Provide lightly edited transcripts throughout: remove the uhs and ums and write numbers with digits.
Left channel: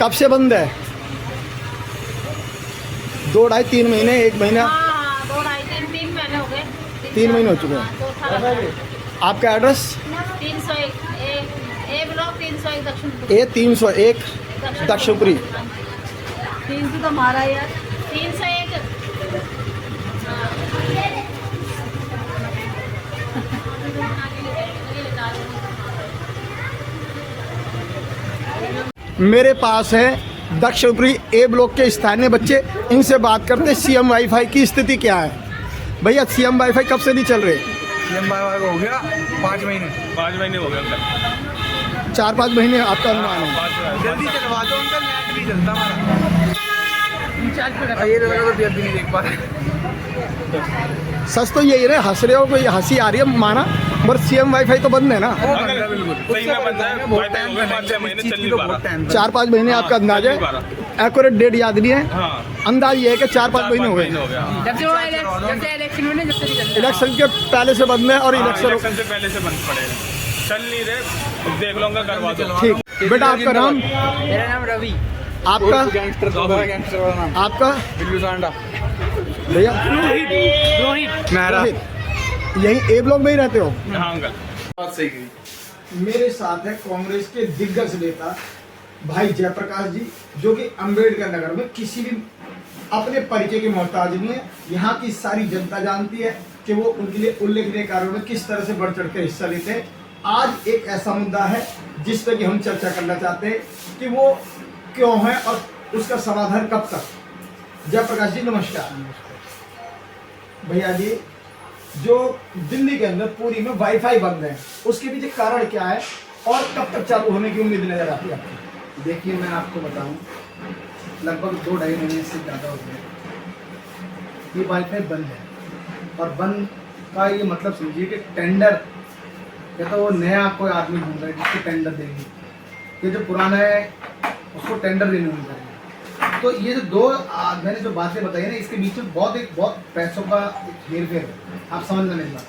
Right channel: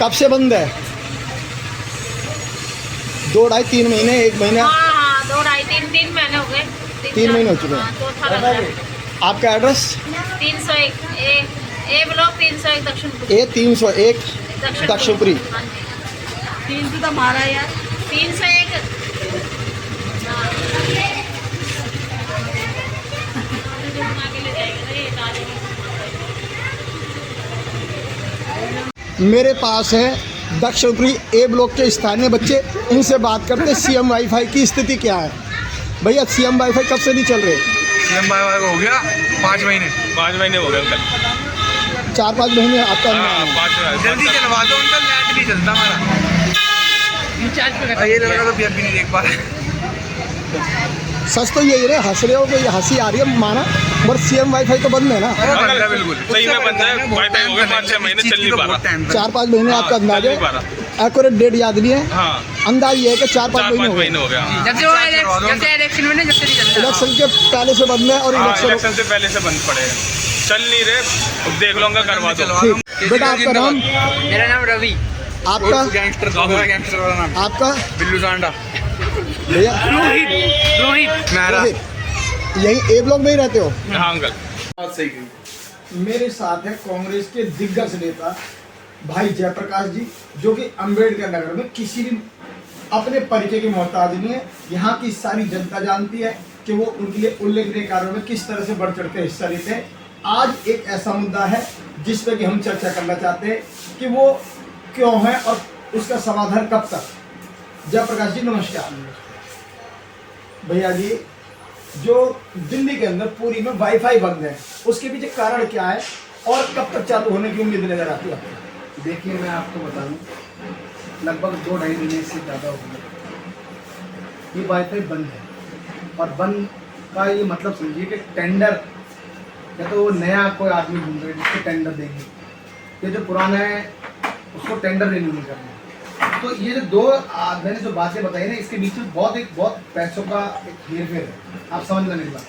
कब से बंद है? 2 ढाई 3 महीने, 1 महीना? हाँ 2 ढाई 3 महीने हो गए। 3 महीने हो चुके हैं। चौथा लग रहा है। आपका एड्रेस? 301 ए ब्लॉक 301 दक्षिण A301 दक्षिणपुरी। हाँ जी 3 तो मारा यार 301। मेरे पास है दक्षिणपुरी ए ब्लॉक के स्थानीय बच्चे, इनसे बात करते सीएम वाईफाई की स्थिति क्या है। भैया सीएम वाईफाई कब से नहीं चल रहे? सीएम वाईफाई को हो गया 5 महीने हो गए अंकल। 4-5 महीने आपका जल्दी चलवा दो अंकल, नेट नहीं चलता हमारा। ये लड़का तो भी नहीं देख पा रहा। सच तो यही रहे, हंस रहे हो तो ये हंसी आ रही है माना, पर सीएम वाईफाई तो बंद है ना? बंद है बिल्कुल, सही में बंद है। वाईफाई हो गया 5-6 महीने चल नहीं पा रहा। 4-5 महीने आपका अंदाज है? एक्यूरेट डेट याद नहीं है? हाँ। अंदाज ये है कि 4-5 महीने हो गए। इलेक्शन के पहले से बंद है और इलेक्शन से पहले से बंद पड़े हैं, चल नहीं रहे। देख लूंगा, करवा दो। ठीक। बेटा आपका नाम? मेरा नाम रवि। आपका? गैंगस्टर वाला नाम आपका? बिल्लू सांडा। भैया रोहित। रोहित, यही ए ब्लॉक में ही रहते हो? हाँ अंकल। बात सही कही। मेरे साथ है कांग्रेस के दिग्गज नेता भाई जयप्रकाश जी, जो कि अंबेडकर नगर में किसी भी अपने परिचय के मोहताज नहीं है। यहाँ की सारी जनता जानती है कि वो उनके लिए उल्लेखनीय कार्यों में किस तरह से बढ़ चढ़ कर हिस्सा लेते हैं। आज एक ऐसा मुद्दा है जिस पे कि हम चर्चा करना चाहते हैं कि वो क्यों है और उसका समाधान कब तक। जयप्रकाश जी नमस्कार। भैया जी, जो दिल्ली के अंदर पूरी में वाईफाई बंद है, उसके पीछे कारण क्या है और कब तक चालू होने की उम्मीद नजर आती है? देखिए मैं आपको बताऊं, लगभग 2-2.5 महीने से ज़्यादा हो गए ये वाईफाई बंद है। और बंद का ये मतलब समझिए कि टेंडर, या तो वो नया कोई आदमी ढूंढ रहे जिसको टेंडर देंगे, ये जो पुराना है उसको टेंडर रिन्यू नहीं करना। तो ये जो मैंने जो बातें बताई ना, इसके बीच में बहुत पैसों का एक हेरफेर है। आप समझना मेरी बात।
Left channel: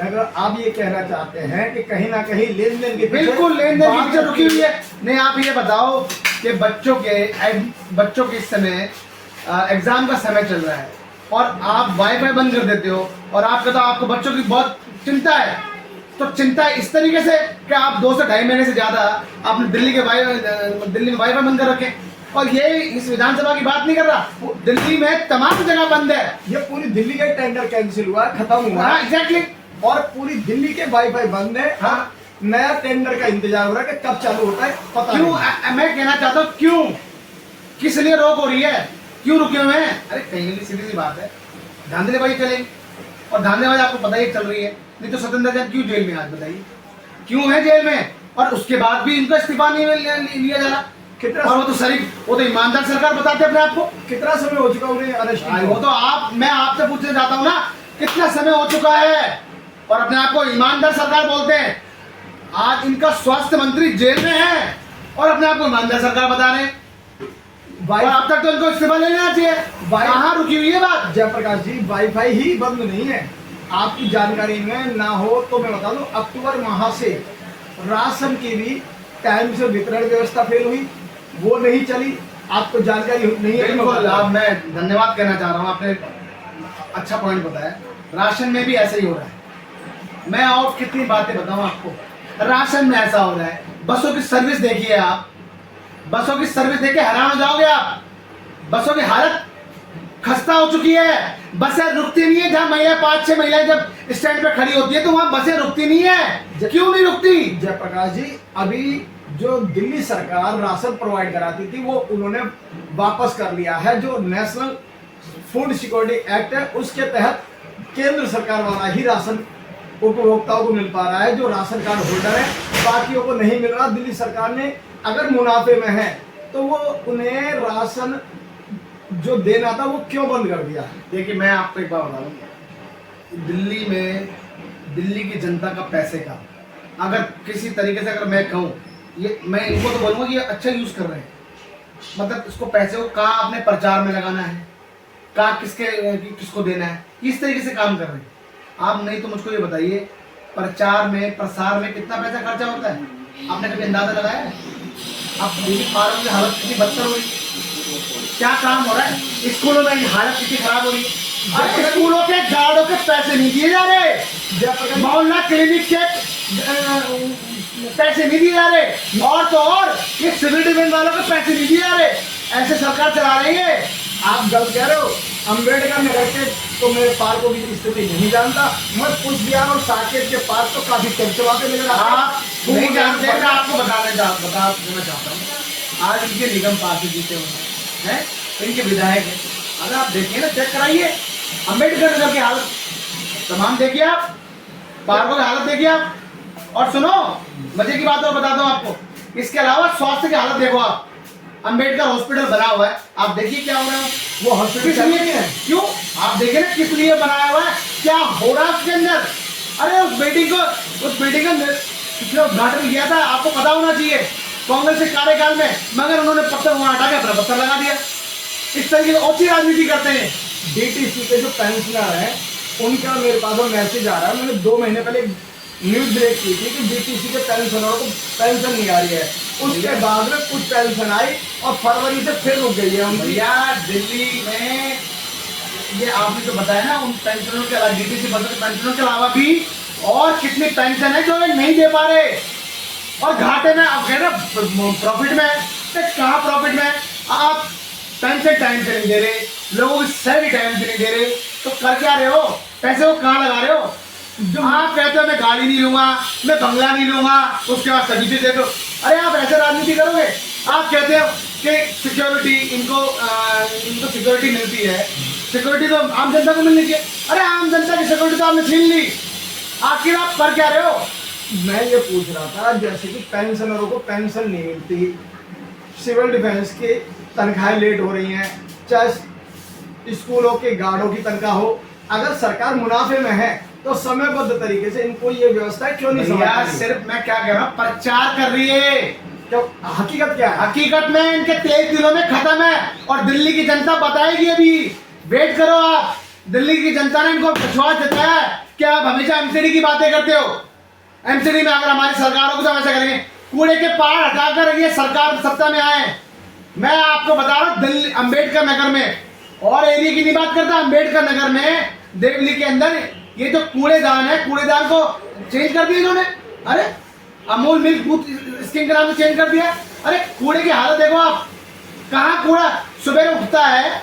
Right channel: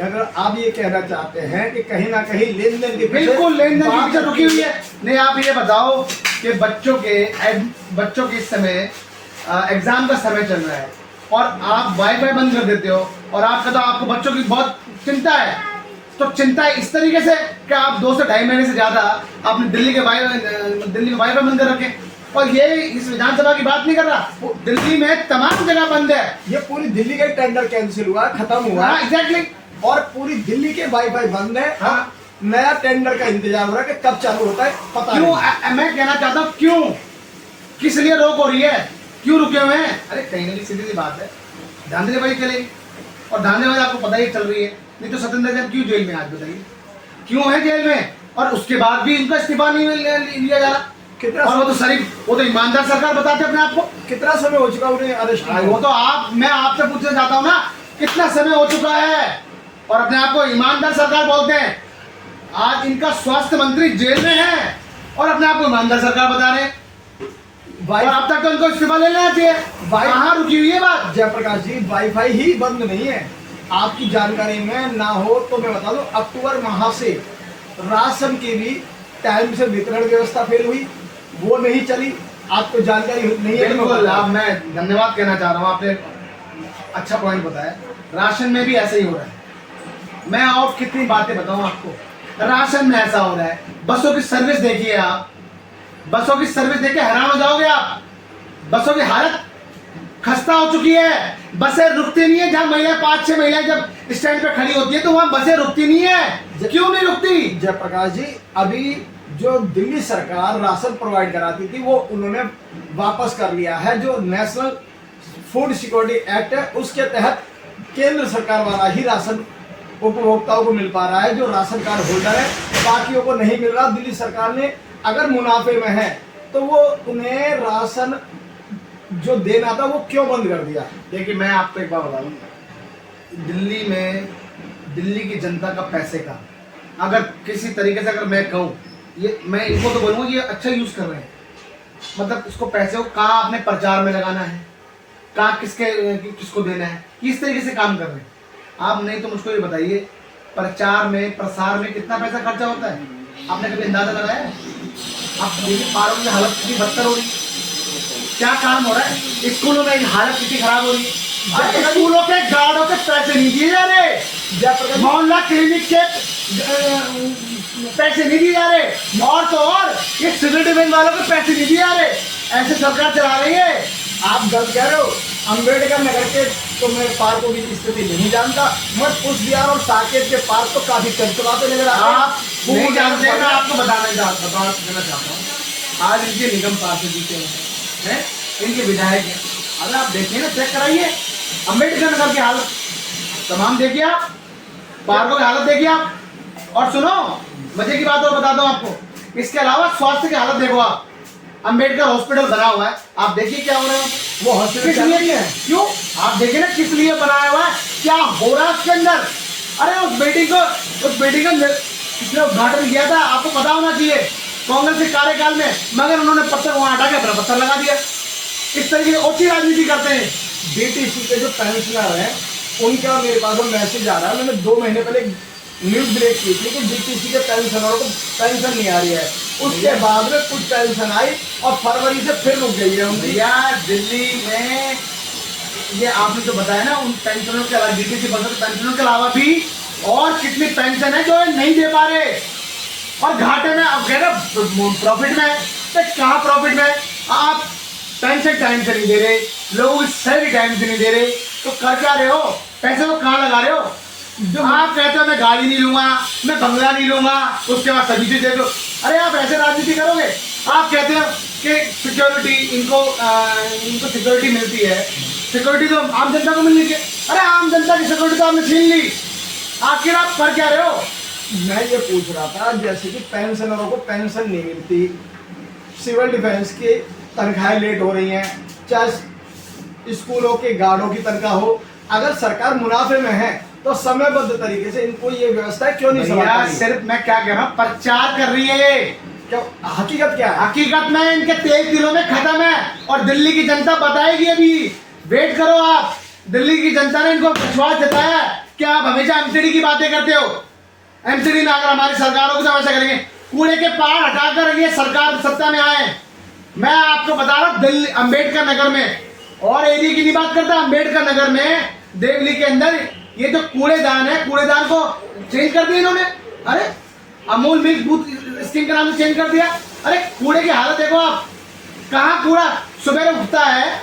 अगर आप ये कहना चाहते हैं कि कहीं ना कहीं लेन देन के बिल्कुल लेन देन की पीछे रुकी हुई है। नहीं, आप ये बताओ कि बच्चों के इस समय एग्जाम का समय चल रहा है और आप वाईफाई बंद कर देते हो और आप कहते हो आपको बच्चों की बहुत चिंता है। तो चिंता है इस तरीके से कि आप 2 से 2.5 महीने से ज्यादा आपने दिल्ली में वाईफाई बंद कर रखे। और ये इस विधानसभा की बात नहीं कर रहा, दिल्ली में तमाम जगह बंद है। ये पूरी दिल्ली का टेंडर कैंसिल हुआ, खत्म हुआ। एग्जैक्टली। और पूरी दिल्ली के वाईफाई बंद है। हाँ। नया टेंडर का इंतजार हो रहा है कि कब चालू होता है पता क्यों? नहीं। मैं कहना चाहता हूँ क्यों, किस लिए रोक हो रही है, क्यों रुके हुए हैं? अरे कहीं ना कहीं सीधी सी बात है, धांधलेबाजी चलेगी। और धांधलेबाजी आपको पता ही चल रही है। नहीं तो सत्येंद्र जैन क्यों जेल में, आज बताइए क्यों है जेल में? और उसके बाद भी इनका इस्तीफा नहीं लिया जा रहा। कितना? और वो तो ईमानदार सरकार बताते अपने आप को। कितना समय हो चुका उन्हें अरेस्ट किए? वो तो मैं आपसे पूछना चाहता हूँ ना, कितना समय हो चुका है? और अपने आप को ईमानदार सरकार बोलते हैं। आज इनका स्वास्थ्य मंत्री जेल में है और अपने आप को ईमानदार सरकार बता रहे हैं। और अब तक तो इनको इस्तीफा ले लेना चाहिए। कहाँ रुकी हुई है बात? जयप्रकाश जी, वाईफाई ही बंद नहीं है। आपकी जानकारी में ना हो तो मैं बता दूं, अक्टूबर माह से राशन की भी टाइम से वितरण व्यवस्था फेल हुई, वो नहीं चली। आपको जानकारी नहीं है? बिल्कुल। मैं धन्यवाद कहना चाह रहा हूँ, आपने अच्छा पॉइंट बताया। राशन में भी ऐसे ही हो रहा है। मैं और कितनी बातें बताऊं आपको, राशन में ऐसा हो रहा है। बसों की सर्विस देखिए आप, बसों की सर्विस देख के हैरान हो जाओगे आप। बसों की हालत खस्ता हो चुकी है। बसें रुकती नहीं है। जहाँ महिला 5-6 महिलाएं जब स्टैंड पे खड़ी होती है तो वहाँ बसें रुकती नहीं है। क्यों नहीं रुकती? जयप्रकाश जी, अभी जो दिल्ली सरकार राशन प्रोवाइड कराती थी वो उन्होंने वापस कर लिया है। जो नेशनल फूड सिक्योरिटी एक्ट है उसके तहत केंद्र सरकार वाला ही राशन उपभोक्ताओं को मिल पा रहा है। जो राशन कार्ड होल्डर है बाकियों को नहीं मिल रहा। दिल्ली सरकार ने अगर मुनाफे में है तो वो उन्हें राशन जो देना था वो क्यों बंद कर दिया? देखिए मैं आपको एक बात बता दूं, दिल्ली में दिल्ली की जनता का पैसे का अगर किसी तरीके से अगर मैं कहूँ, ये मैं इनको तो बोलूँगा ये अच्छा यूज कर रहे हैं। मतलब इसको पैसे को कहाँ अपने प्रचार में लगाना है, कहाँ किसको देना है, इस तरीके से काम कर रहे हैं आप। नहीं तो मुझको ये बताइए, प्रचार में प्रसार में कितना पैसा खर्चा होता है? आपने कभी अंदाजा लगाया? आप देखिए पार्कों की हालत कितनी बदतर हो रही है, क्या काम हो रहा है, स्कूलों में हालत कितनी खराब हो रही है। अरे स्कूलों के गार्डों के पैसे नहीं दिए जा रहे, मोहल्ला क्लिनिक के पैसे नहीं दिए जा रहे, और तो और ये सिविल डिफेंस वालों के पैसे नहीं दिए जा रहे। ऐसे सरकार चला रही है। आप गलत कह रहे हो। अम्बेडकर नगर के तो मैं पार्कों की स्थिति नहीं जानता, मैं कुछ बिहार और साकेत के पार्क तो काफी चमचमाते नजर आप नहीं जानते हैं, मैं आपको बता देना चाहता हूँ। आज इनके निगम पास जीते हुए हैं, इनके विधायक हैं। अगर आप देखिए ना, चेक कराइए अम्बेडकर नगर की हालत, तमाम देखिए आप, पार्कों की हालत देखिए आप। और सुनो, मजे की बात और बताता हूँ आपको, इसके अलावा स्वास्थ्य की हालत देखो आप। अम्बेडकर हॉस्पिटल बना हुआ है, आप देखिए क्या हो रहा है वो हॉस्पिटल, किस लिए नहीं है, क्यों आप देखिए ना किस लिए बनाया हुआ है, क्या हो रहा है उसके अंदर। अरे उस बिल्डिंग का कितना उद्घाटन किया था, आपको पता होना चाहिए, कांग्रेस के कार्यकाल में, मगर उन्होंने पत्थर वहां हटा के अपना पत्थर लगा दिया। इस तरीके से ओछी राजनीति करते हैं। डीटीसी के जो पेंशनर हैं उनका मेरे पास मैसेज आ रहा है। मैंने 2 महीने पहले न्यूज ब्रेक की थी कि डीटीसी के पेंशनरों को पेंशन नहीं आ रही है, उसके बाद में कुछ पेंशन आई और फरवरी से फिर रुक गई है उनकी। भैया दिल्ली में ये आपने जो बताया ना, उन पेंशनों के अलावा, डीटीसी पेंशनों के अलावा भी और कितनी पेंशन है जो नहीं दे पा रहे, और घाटे में आप कह रहे प्रॉफिट में, तो कहाँ प्रॉफिट में। आप पेंशन टाइम से नहीं दे रहे, लोगों की सैलरी टाइम से नहीं दे रहे, तो कर क्या रहे हो, पैसे को कहाँ लगा रहे हो। आप कहते हो मैं गाड़ी नहीं लूंगा, मैं बंगला नहीं लूंगा, उसके बाद सब्सिडी दे दो। अरे आप ऐसे राजनीति करोगे। आप कहते हो कि सिक्योरिटी इनको सिक्योरिटी मिलती है, सिक्योरिटी तो आम जनता को मिलनी चाहिए। अरे आम जनता की सिक्योरिटी तो आपने छीन ली, आखिर आप कर क्या रहे हो। मैं ये पूछ रहा था, जैसे कि पेंशनरों को पेंशन नहीं मिलती, सिविल डिफेंस की तनख्वाहें लेट हो रही हैं, चाहे स्कूलों के गार्डों की तनख्वाह हो, अगर सरकार मुनाफे में है तो समयबद्ध तरीके से इनको ये व्यवस्था क्यों नहीं समझ। सिर्फ मैं क्या कह रहा हूँ, प्रचार कर रही है। क्यों, हकीकत क्या है? हकीकत में इनके 23 दिनों में खत्म है, और दिल्ली की जनता बताएगी। अभी वेट करो आप, दिल्ली की जनता ने इनको विश्वास जताया है कि आप हमेशा एमसीडी की बातें करते हो। एमसीडी में अगर हमारी सरकारों को समस्या करेंगे, कूड़े के पहाड़ हटाकर ये सरकार सत्ता में आए। मैं आपको बता रहा हूँ, दिल्ली अम्बेडकर नगर में, और एरिया की नहीं बात करता, अम्बेडकर नगर में देवली के अंदर ये जो कूड़ेदान है, कूड़ेदान को चेंज कर दिया इन्होंने। अरे अमूल मिल्क बूथ स्कीम के नाम से चेंज कर दिया। अरे कूड़े की हालत देखो आप, कहाँ कूड़ा सुबह उठता है,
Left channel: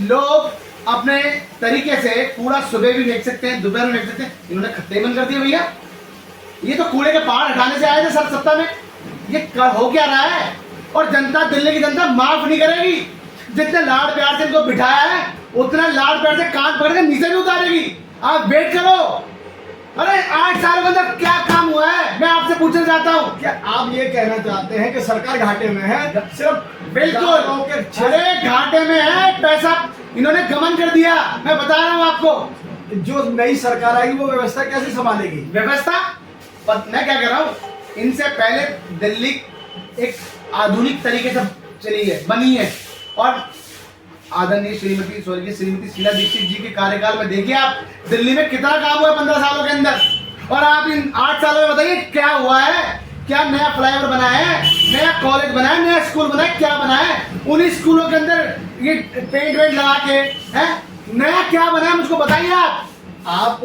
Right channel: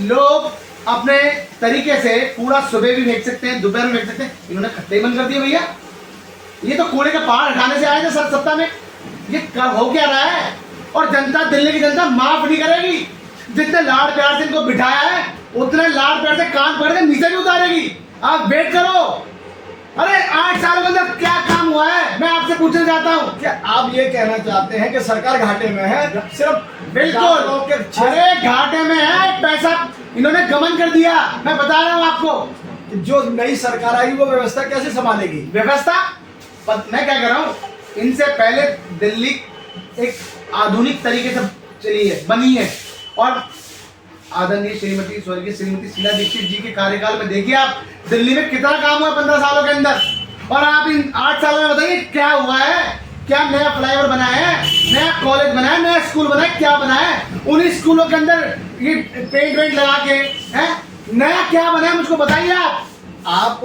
लोग अपने तरीके से कूड़ा सुबह भी फेंक सकते हैं, दोपहर में फेंक सकते हैं, इन्होंने खत्ते बंद कर दिए भैया। ये तो कूड़े के पहाड़ हटाने से आए थे सर सत्ता में, ये हो क्या रहा है। और जनता, दिल्ली की जनता माफ नहीं करेगी। जितने लाड़ प्यार से इनको बिठाया है, उतने लाड़ प्यार से कान पकड़ के नीचे भी उतारेगी। आप वेट करो। अरे 8 साल के अंदर क्या काम हुआ है, मैं आपसे पूछना चाहता हूँ। क्या आप ये कहना चाहते हैं कि सरकार घाटे में है? सिर्फ बिल्कुल, अरे घाटे में है, पैसा इन्होंने गमन कर दिया। मैं बता रहा हूँ आपको, जो नई सरकार आएगी वो व्यवस्था कैसे संभालेगी? व्यवस्था मैं क्या कह रहा हूँ, इनसे पहले दिल्ली एक आधुनिक तरीके से चली है, बनी है। और आदरणीय स्वर्गीय श्रीमती शीला दीक्षित जी के कार्यकाल में देखिए आप, दिल्ली में कितना काम हुआ 15 सालों के अंदर। और आप इन 8 सालों में बताइए क्या हुआ है। क्या नया फ्लाईओवर बनाया है, नया कॉलेज बनाया, नया स्कूल बनाया, क्या बनाया है उन स्कूलों के अंदर? ये पेंट वेंट लगा के है, नया क्या बनाया मुझको बताइए आप।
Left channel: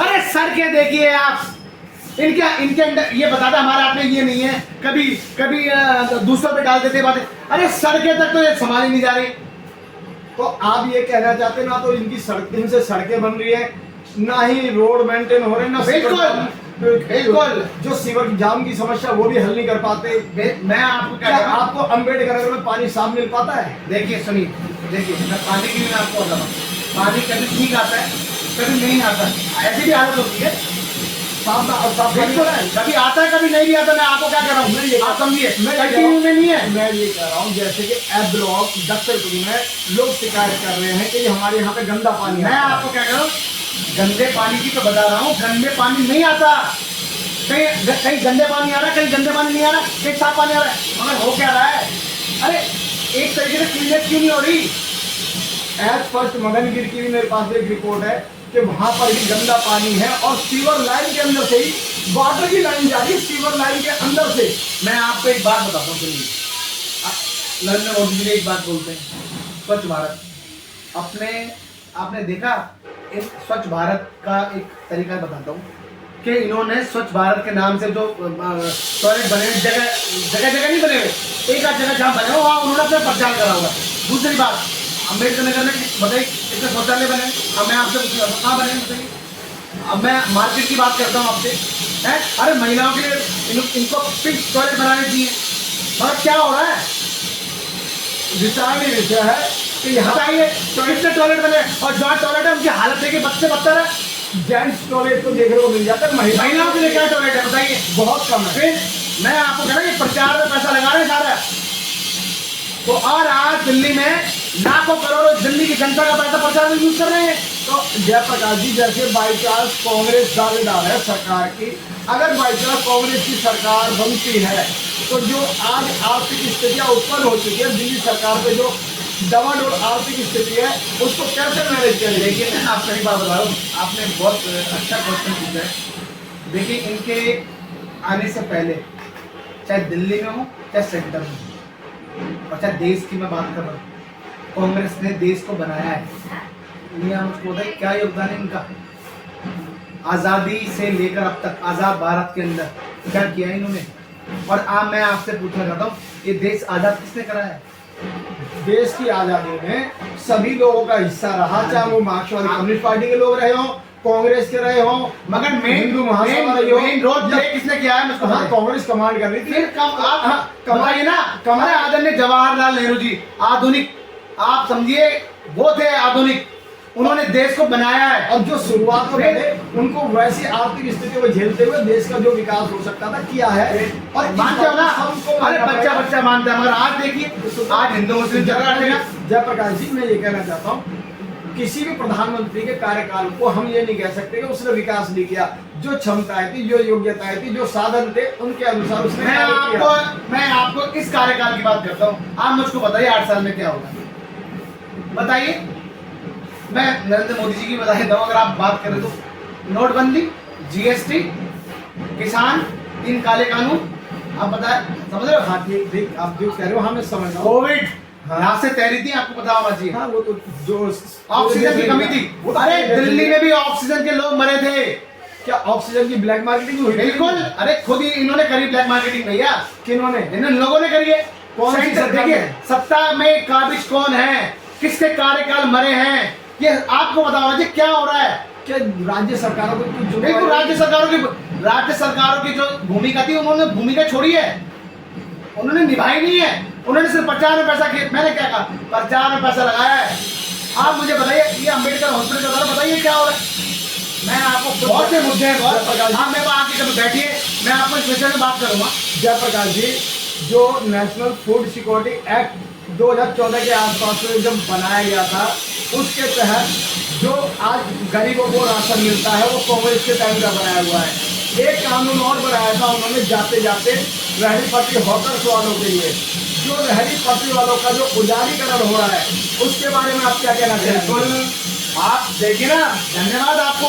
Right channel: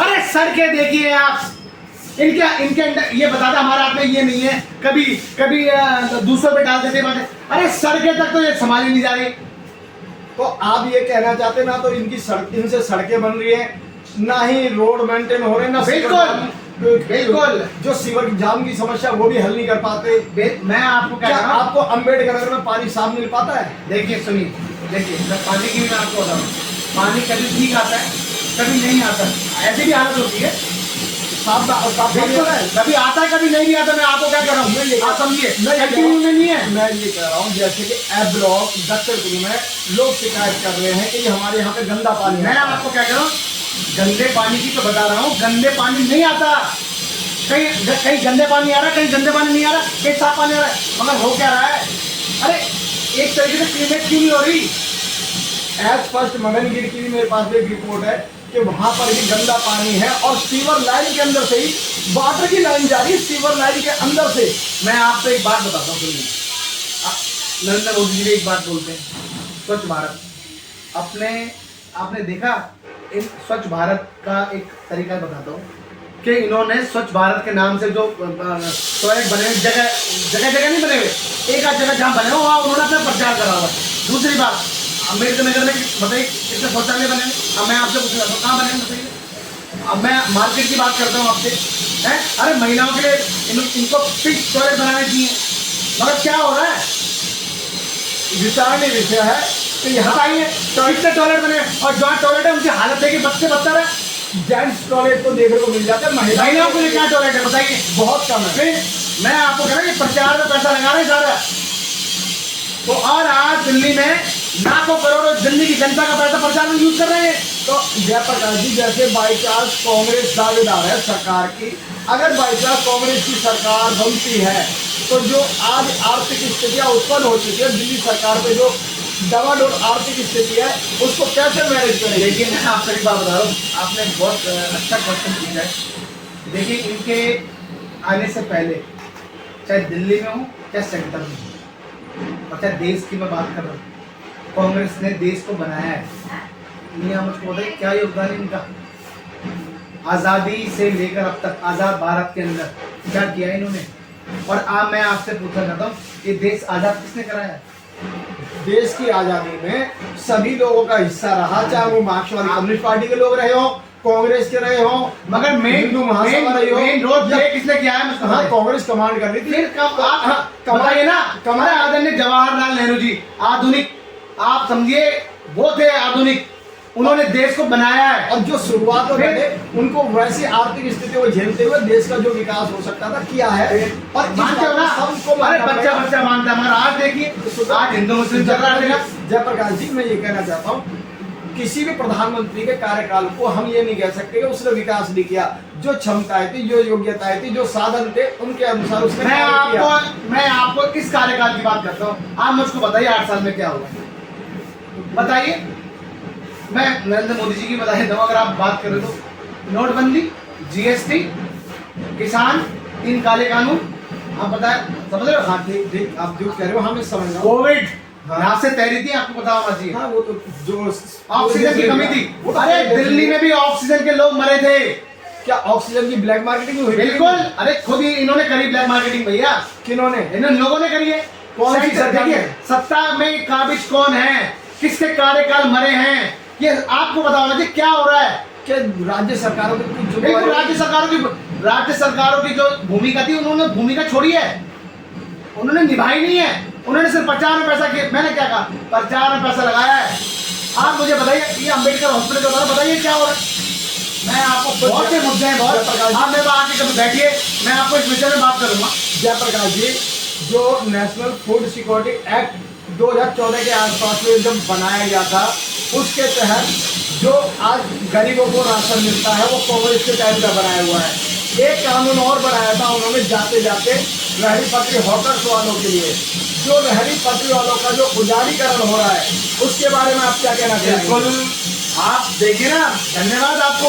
अरे सड़कें देखिए आप, इनके अंदर ये बताते हमारे हाथ में ये नहीं है, कभी दूसरों पे डाल देते बातें। अरे सड़कें तक तो ये संभाली नहीं जा रही। तो आप ये कहना चाहते हैं ना तो इनसे सड़कें बन रही है, ना ही रोड मेंटेन हो रहे, ना बिल्कुल जो सीवर जाम की समस्या वो भी हल नहीं कर पाते। मैं आपको क्या आपको अम्बेडकर नगर में पानी साफ मिल पाता है? देखिए सुनिए, देखिए मैं पानी की भी आपको बताऊँ, पानी कभी ठीक आता है, कभी नहीं आता, ऐसी भी हालत होती है। साफ बिल्कुल है, कभी आता है कभी नहीं भी आता। मैं आपको क्या कह रहा हूँ, आप समझिए, नहीं है। मैं ये कह रहा हूँ जैसे कि ए ब्लॉक दक्षिणपुर में लोग शिकायत कर रहे हैं कि हमारे यहाँ पे गंदा पानी। मैं आपको क्या कह रहा हूँ, गंदे पानी की तो बता रहा हूँ, गंदे पानी नहीं आता। कहीं गंदे पानी आ रहा है, कहीं गंदे पानी नहीं आ रहा, कहीं साफ पानी आ रहा है, मगर हो क्या रहा है। अरे एक तरीके से क्लीनेट क्यों नहीं हो रही? एज फर्स्ट मगनगिर की भी मेरे पास एक रिपोर्ट है कि वहां पर भी गंदा पानी है और सीवर लाइन के अंदर से ही वाटर की लाइन जा रही है, सीवर लाइन के अंदर से। मैं आपको एक बात बताता हूँ, सुनिए, नरेंद्र मोदी जी भी एक बात बोलते हैं, स्वच्छ भारत। आपने देखा इन स्वच्छ भारत का एक तरीका बताता हूँ कि इन्होंने स्वच्छ भारत के नाम से जो टॉयलेट बने हुए जगह जगह नहीं बने हुए, एक आध जगह जहाँ बने हुए वहाँ उन्होंने अपना प्रचार करा हुआ है। दूसरी बात, अम्बेडकर नगर में बताइए कितने शौचालय बने हैं। अब मैं आपसे पूछ रहा हूँ कहाँ बने हैं बताइए। अब मैं मार्केट की बात करता हूँ आपसे, हैं अरे महिलाओं के लिए इनको पिंक टॉयलेट बनाने चाहिए, मगर क्या हो रहा है? विचारणीय विषय है कि यहाँ बताइए कितने टॉयलेट बने और जहाँ टॉयलेट है उनकी हालत देखिए बच्चे बदतर है। जेंट्स टॉयलेट तो देखने को मिल जाता है, महिलाओं के लिए क्या टॉयलेट है बताइए? बहुत कम है। फिर मैं आपको कह रहा कि प्रचार में पैसा लगा रहे हैं सारा, तो और आज दिल्ली में लाखों करोड़ों दिल्ली की जनता का पैसा प्रचार में यूज कर रहे हैं। तो जयप्रकाश जी, जैसे बाई चांस कांग्रेस दावेदार है सरकार की, अगर बाई चांस कांग्रेस की सरकार बनती है तो जो आज आर्थिक स्थितियां उत्पन्न हो चुकी है, दिल्ली सरकार पे जो डबल आर्थिक स्थिति है उसको कैसे मैनेज करेंगे? लेकिन मैं आपसे एक बात बता रहा हूँ, आपने बहुत अच्छा क्वेश्चन पूछा है। देखिए इनके आने से पहले चाहे दिल्ली में हो चाहे सेंटर में हो और चाहे देश की मैं बात कर रहा हूँ, कांग्रेस ने देश को बनाया है। ये मुझको बताइए क्या योगदान है इनका? आज़ादी से लेकर अब तक आज़ाद भारत के अंदर क्या किया है इन्होंने? और अब मैं आपसे पूछना चाहता हूँ, ये देश आज़ाद किसने कराया है? देश की आजादी में सभी लोगों का हिस्सा रहा, चाहे वो मार्क्सवादी कम्युनिस्ट पार्टी के लोग रहे हो, कांग्रेस के रहे हो, मगर मेन रोड प्ले किसने किया है मुझको? हाँ, कांग्रेस कमांड कर रही थी। फिर बताइए ना, हमारे आदरणीय जवाहरलाल नेहरू जी आधुनिक, आप समझिए वो थे आधुनिक, उन्होंने देश को बनाया है। और जो शुरुआत हो गए उनको वैसी आर्थिक स्थिति को झेलते हुए देश का जो विकास हो सकता था किया है। और मानते हो ना? अरे बच्चा मानता है, मगर आज देखिए आज हिंदू मुस्लिम झगड़ा रहेगा। जयप्रकाश जी, मैं ये कहना चाहता हूँ, किसी भी प्रधानमंत्री के कार्यकाल को हम ये नहीं कह सकते कि उसने विकास नहीं किया। जो क्षमताएं थी, जो योग्यताएं थी, जो साधन थे, उनके अनुसार उसने मैं आपको किस कार्यकाल की बात करता हूँ? आप मुझको बताइए 8 साल में क्या हुआ बताइए। मैं नरेंद्र मोदी जी की बधाई दूँ अगर आप बात करें तो। नोटबंदी, जीएसटी, किसान, 3 काले कानून, आप बताए समझ रहे हो? हाँ ठीक, आप जो कह रहे हो हाँ मैं समझ रहा हूँ। कोविड यहाँ से तैरी थी, आपको पता होना चाहिए। हाँ, वो तो जो ऑक्सीजन की कमी थी, अरे दिल्ली में भी ऑक्सीजन के लोग मरे थे। क्या ऑक्सीजन की ब्लैक मार्केटिंग हुई? बिल्कुल, अरे खुद ही इन्होंने करी ब्लैक मार्केटिंग भैया। किन्होंने? इन लोगों ने करी है। कौन सी सरकार? देखिए सत्ता में काबिज कौन है, किसके कार्यकाल मरे हैं, ये आपको पता होना चाहिए। क्या हो रहा है? क्या राज्य सरकारों की बिल्कुल, राज्य सरकारों की जो भूमिका थी उन्होंने भूमिका छोड़ी है, उन्होंने निभाई नहीं है। उन्होंने सिर्फ प्रचार में पैसा किया। मैंने क्या कहा? प्रचार में पैसा लगाया है। आप मुझे बताइए ये अम्बेडकर हॉस्पिटल का द्वारा बताइए क्या हो रहा है? मैं आपको बहुत से मुद्दे हैं, बहुत आप मेरे पास आके कभी बैठिए, मैं आपको इस विषय में बात करूंगा। जयप्रकाश जी, जो नेशनल फूड सिक्योरिटी एक्ट 2014 के आसपास में जब बनाया गया था, उसके तहत जो आज गरीबों को राशन मिलता है वो कांग्रेस के टाइम का बनाया हुआ है। एक कानून और बनाया था उन्होंने जाते जाते रहरी पटरी हॉकर्स वालों के लिए। जो रहरी पटरी वालों का जो उजारीकरण हो रहा है उसके बारे में आप क्या कहना चाहेंगे? बिल्कुल, आप देखिए ना, धन्यवाद आपको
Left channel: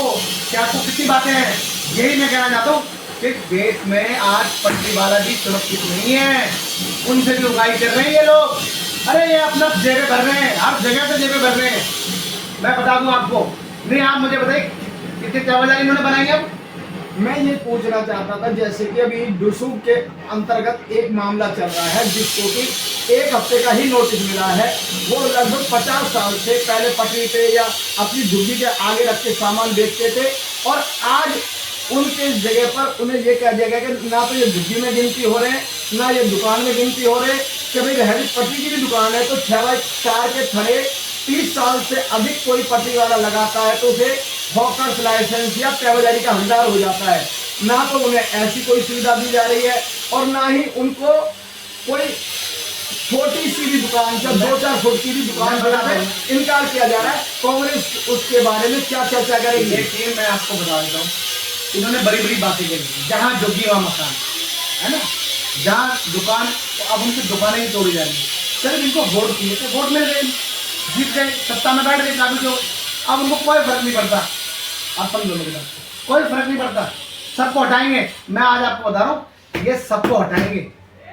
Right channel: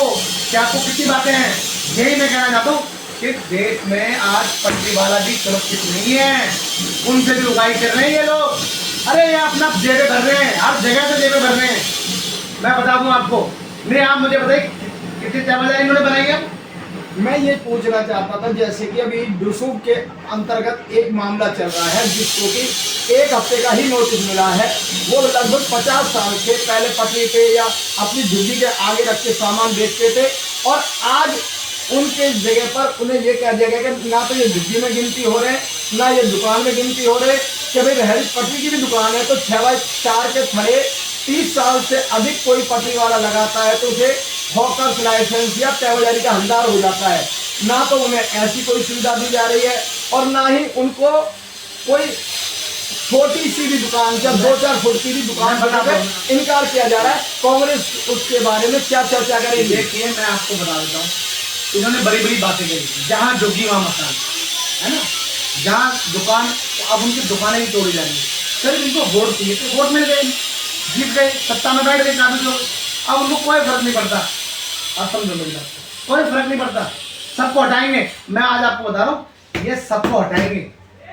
कि आपको कितनी बातें हैं। यही मैं कहना चाहता हूँ कि देश में आज पटरी वाला भी सुरक्षित नहीं है, उनसे भी उगाई कर रहे हैं ये लोग। अरे ये अपना जेबें भर रहे हैं, हर जगह से जेबें भर रहे हैं। मैं बता दूं आपको, नहीं आप मुझे बताइए कितनी चावल इन्होंने बनाई अब? मैं ये पूछना चाहता था, जैसे कि अभी डुसूक के अंतर्गत एक मामला चल रहा है जिसको कि 1 हफ्ते का ही नोटिस मिला है। वो लगभग 50 साल से पहले पटरी पे या अपनी झुग्गी के आगे रख के सामान बेचते थे और आज उनके जगह पर उन्हें ये कह दिया गया कि ना तो ये झुग्गी में गिनती हो रहे हैं, ना ये दुकान में गिनती हो रहे कि भाई रहरी पटरी की भी दुकान है तो 6x4 के खड़े 30 साल से अधिक कोई पटरी वाला लगाता है तो उसे हॉकर्स लाइसेंस या तहसीलदारी का हकदार हो जाता है। ना तो उन्हें ऐसी कोई सुविधा दी जा रही है और ना ही उनको कोई छोटी सी भी दुकान या 2-4 फुट की भी दुकान बनाने से इनकार किया जा रहा है। कांग्रेस उसके बारे में क्या चर्चा करेगी? देखिए मैं आपको बता देता हूँ, इन्होंने बड़ी बड़ी बातें करी, जहाँ जोगी वहाँ मकान, है ना, जहाँ दुकान, अब उनकी दुकानें ही तोड़ी जा रही है। सर इनको वोट चाहिए तो वोट मिल गए, जीत गए, सत्ता में बैठ गए काबिज लोग, अब उनको कोई फर्क नहीं पड़ता। आप समझो मेरी बात, कोई फर्क नहीं पड़ता, सबको हटाएंगे। मैं आज आपको बता रहा हूँ ये सबको हटाएंगे,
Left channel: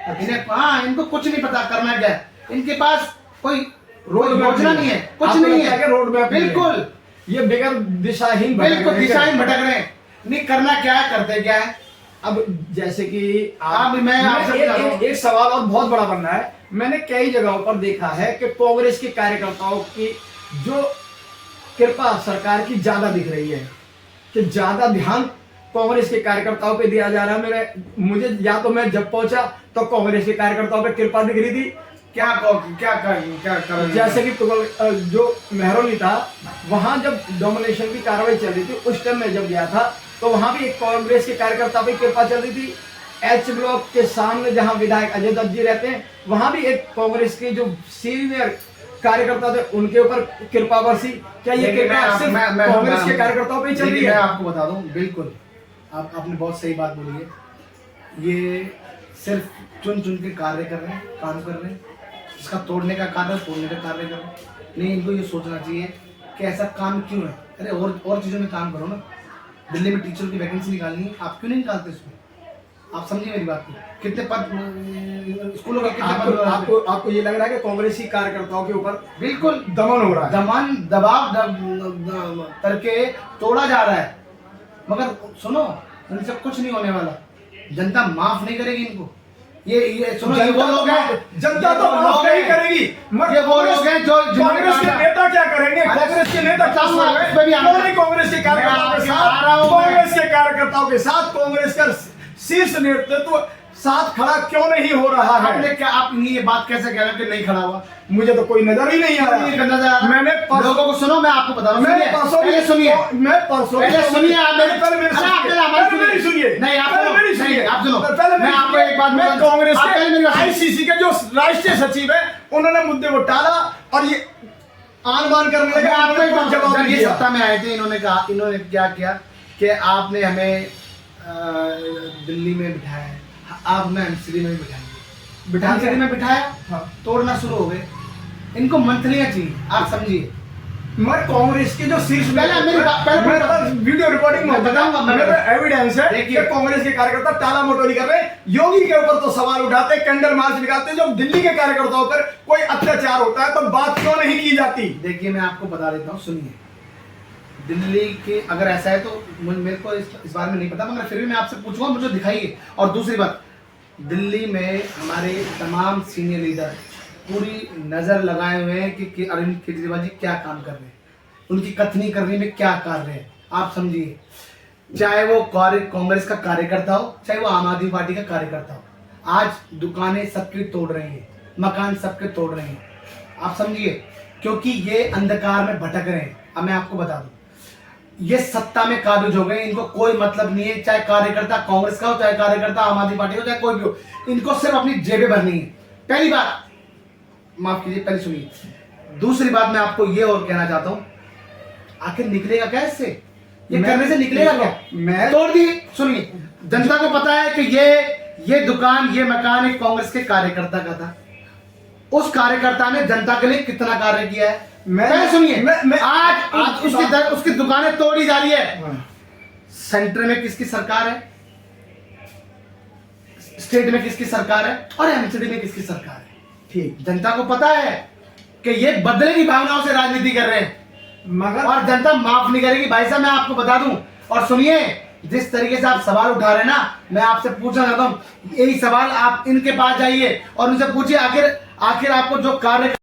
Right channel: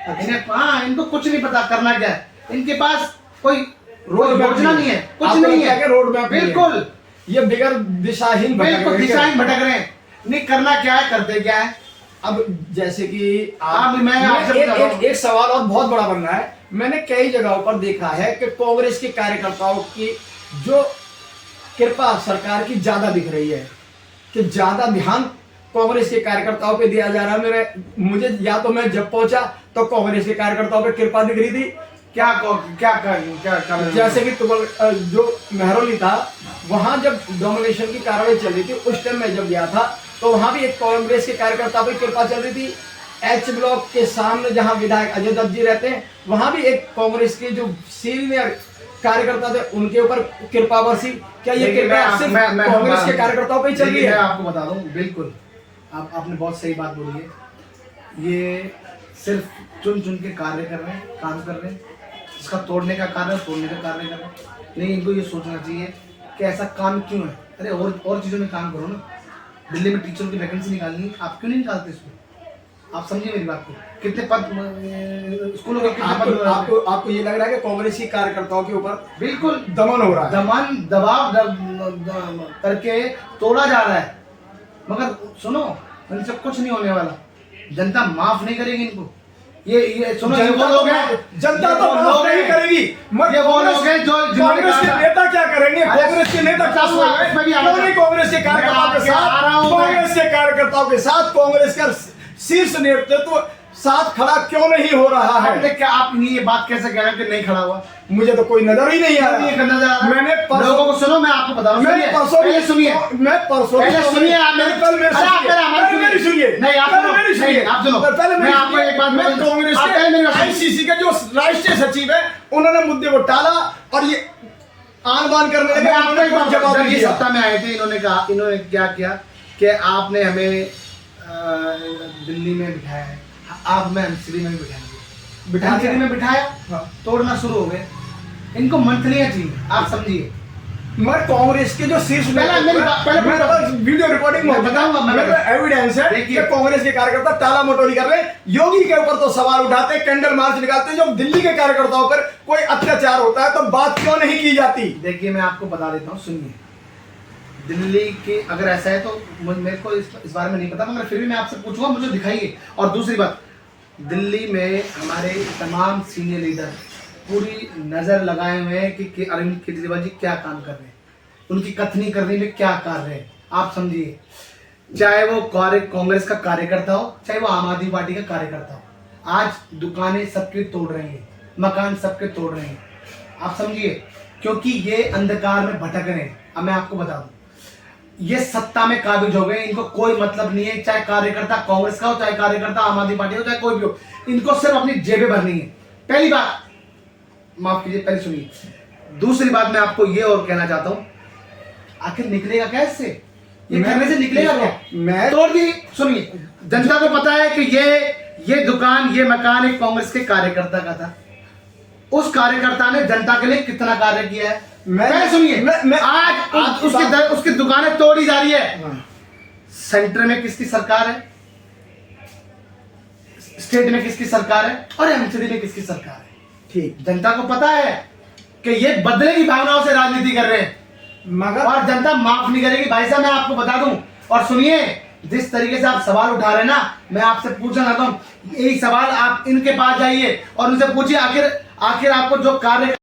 इन्हें हाँ इनको कुछ नहीं पता करना क्या है, इनके पास कोई रोड मैप योजना नहीं है, कुछ आपको नहीं लगता है, कि रोड मैप नहीं है? बिल्कुल ये बगैर दिशाहीन भटक बिल्कुल रहे हैं। दिशाहीन भटक रहे हैं, नहीं करना क्या है करते क्या है। अब जैसे कि आप मैं आपसे एक, बता रहा हूं। एक सवाल और बहुत बड़ा बनना है। मैंने कई जगहों पर देखा है कि कांग्रेस के कार्यकर्ताओं की जो कृपा सरकार की ज्यादा दिख रही है, कि ज्यादा ध्यान कांग्रेस के कार्यकर्ताओं पे दिया जा रहा है। मुझे या तो मैं जब पहुंचा तो कांग्रेस के कार्यकर्ताओं पे कृपा दिख रही थी। क्या कर जैसे कि तुगल जो मेहरौली था, वहां जब डोमिनेशन की कार्रवाई चल रही थी, उस टाइम मैं जब गया था तो वहां भी एक कांग्रेस के कार्यकर्ता पे कृपा चल रही थी। एच ब्लॉक के सामने जहां विधायक अजय दत्त जी रहते हैं, वहां भी एक कांग्रेस के जो सीनियर कार्यकर्ता थे उनके ऊपर कृपा बरसी। क्या ये कृपा सिर्फ कांग्रेस के कार्यकर्ताओं पे ही चल रही है? मैं आपको बता दूं, बिल्कुल आपने बहुत सही बात बोली है। ये सिर्फ चुन चुन के कार्य कर रहे हैं, काम कर रहे हैं, इसका तोड़ने का कार्य तोड़ने का कार्य कर रहे हैं। नहीं, इनको ये सोचना चाहिए कि ऐसा काम क्यों है। अरे और चीज़ों में काम करो ना। दिल्ली में टीचरों की वैकेंसी निकालनी है, आप क्यों नहीं निकालते इसमें? आप समझिए मेरी बात को। कितने पद स्कूलों के कितने पद आपको ये लग रहा है कि कांग्रेसी कार्यकर्ताओं के ऊपर बिल्कुल दमन हो रहा है, दबाव करके तोड़ा जा रहा है। मगर सुनो, इनसे कुछ नहीं होने वाला, जनता माफ नहीं करेगी इनको। ये सुनो, ये वो लोग हैं, जनता तो माफ नहीं करेगी। ये वो लोग हैं जो कांग्रेस के नेता क्या करेंगे? कांग्रेस के नेता क्या कांग्रेस के कार्यकर्ताओं के साथ, कांग्रेस के कार्यकर्ताओं के साथ कांग्रेस का शीर्ष नेतृत्व साथ खड़ा क्यों नहीं हो रहा है? आपने क्या, आप ये बात कैसे कह रहे हैं कि नहीं खड़ा हुआ? मुझे तो कोई नजर ही नहीं आ रहा। मैंने लोगों को सुनो, मैं आपको बता रहा हूँ, मैं परसों पहले सुनिए, मैं परसों पहले सुनिए, आप मेरी पहले मेरी सुनिए, नहीं आप नहीं आप सुनो, पहले मैं आपको एक बात मैं कांग्रेस आप पहले मेरी बात सुनिए। आईसीसी के जो राष्ट्रीय सचिव है, उन्होंने मुद्दे को टाला और ये आन बान करने लगे। मैं आपको एक बात जवाब जब ये दिया। सत्ता में आए थे, इन्होंने कहा, इन्होंने क्या किया कि आपने हमें दिल्ली में बिठाया है, आप हमें एमसीडी में बिठाएंगे। एमसीडी में बिठाया, हाँ। तोड़ना शुरू हो गए। इनको मंथलियां चाहिए, आप समझिए। मैं कांग्रेस के जो शीर्ष पहले वीडियो रिकॉर्डिंग में बताऊंगा, मेरे एविडेंस है देखिए। कि कांग्रेस के कार्यकर्ता टाला मटोरी कर रहे हैं। योगी के ऊपर तो सवाल उठाते हैं, कैंडल मार्च निकालते हैं। जब दिल्ली के कार्यकर्ताओं पर कोई अत्याचार होता है तो बात क्यों नहीं की जाती? देखिए, मैं आपको बता देता हूँ, सुनिए। दिल्ली के अगर ऐसा है तो मेरे को इस बारे में नहीं पता, मगर फिर भी मैं आपसे पूछूंगा, मुझे दिखाइए। और दूसरी बात, दिल्ली में हमारे तमाम सीनियर लीडर पूरी नजर लगाए हुए हैं कि अरविंद केजरीवाल जी क्या काम कर रहे हैं, उनकी कथनी करने में क्या कार्य है। आप समझिए, चाहे वो कांग्रेस का कार्यकर्ता हो, चाहे वो आम आदमी पार्टी का कार्यकर्ता हो, आज दुकानें सबके तोड़ रहे हैं, मकान सबके तोड़ रहे हैं। आप समझिए, क्योंकि ये अंधकार में भटक रहे हैं। अब मैं आपको बता दूं, ये सत्ता में काबिज हो गए, इनको कोई मतलब नहीं है, चाहे कार्यकर्ता कांग्रेस का हो, चाहे कार्यकर्ता आम आदमी पार्टी हो, चाहे कोई भी हो, इनको सिर्फ अपनी जेबें भरनी है। पहली बात, माफ कीजिए, पहले सुनिए। दूसरी बात मैं आपको ये और कहना चाहता हूं, आखिर निकलेगा क्या इससे? ये करने से निकलेगा क्या? मैं तोड़ दी। सुनिए, जनता को पता है कि ये दुकान, ये मकान एक कांग्रेस के कार्यकर्ता का था। उस कार्यकर्ता ने जनता के लिए कितना कार्य किया है, मैं सुनिए। आज उसकी दुकानें तोड़ी जा रही है। सेंटर में किसकी सरकार है, स्टेट में किसकी सरकार है, और एमसीडी में किसकी सरकार है? ठीक, जनता को पता है कि ये बदले की भावनाओं से राजनीति कर रहे हैं, मगर और जनता माफ नहीं करेगी। भाई साहब, मैं आपको बता दूं, और सुनिए, जिस तरीके से आप सवाल उठा रहे हैं ना, मैं आपसे पूछना चाहता हूं, यही सवाल आप इनके पास जाइए और उनसे पूछिए, आखिर आपको जो कार्य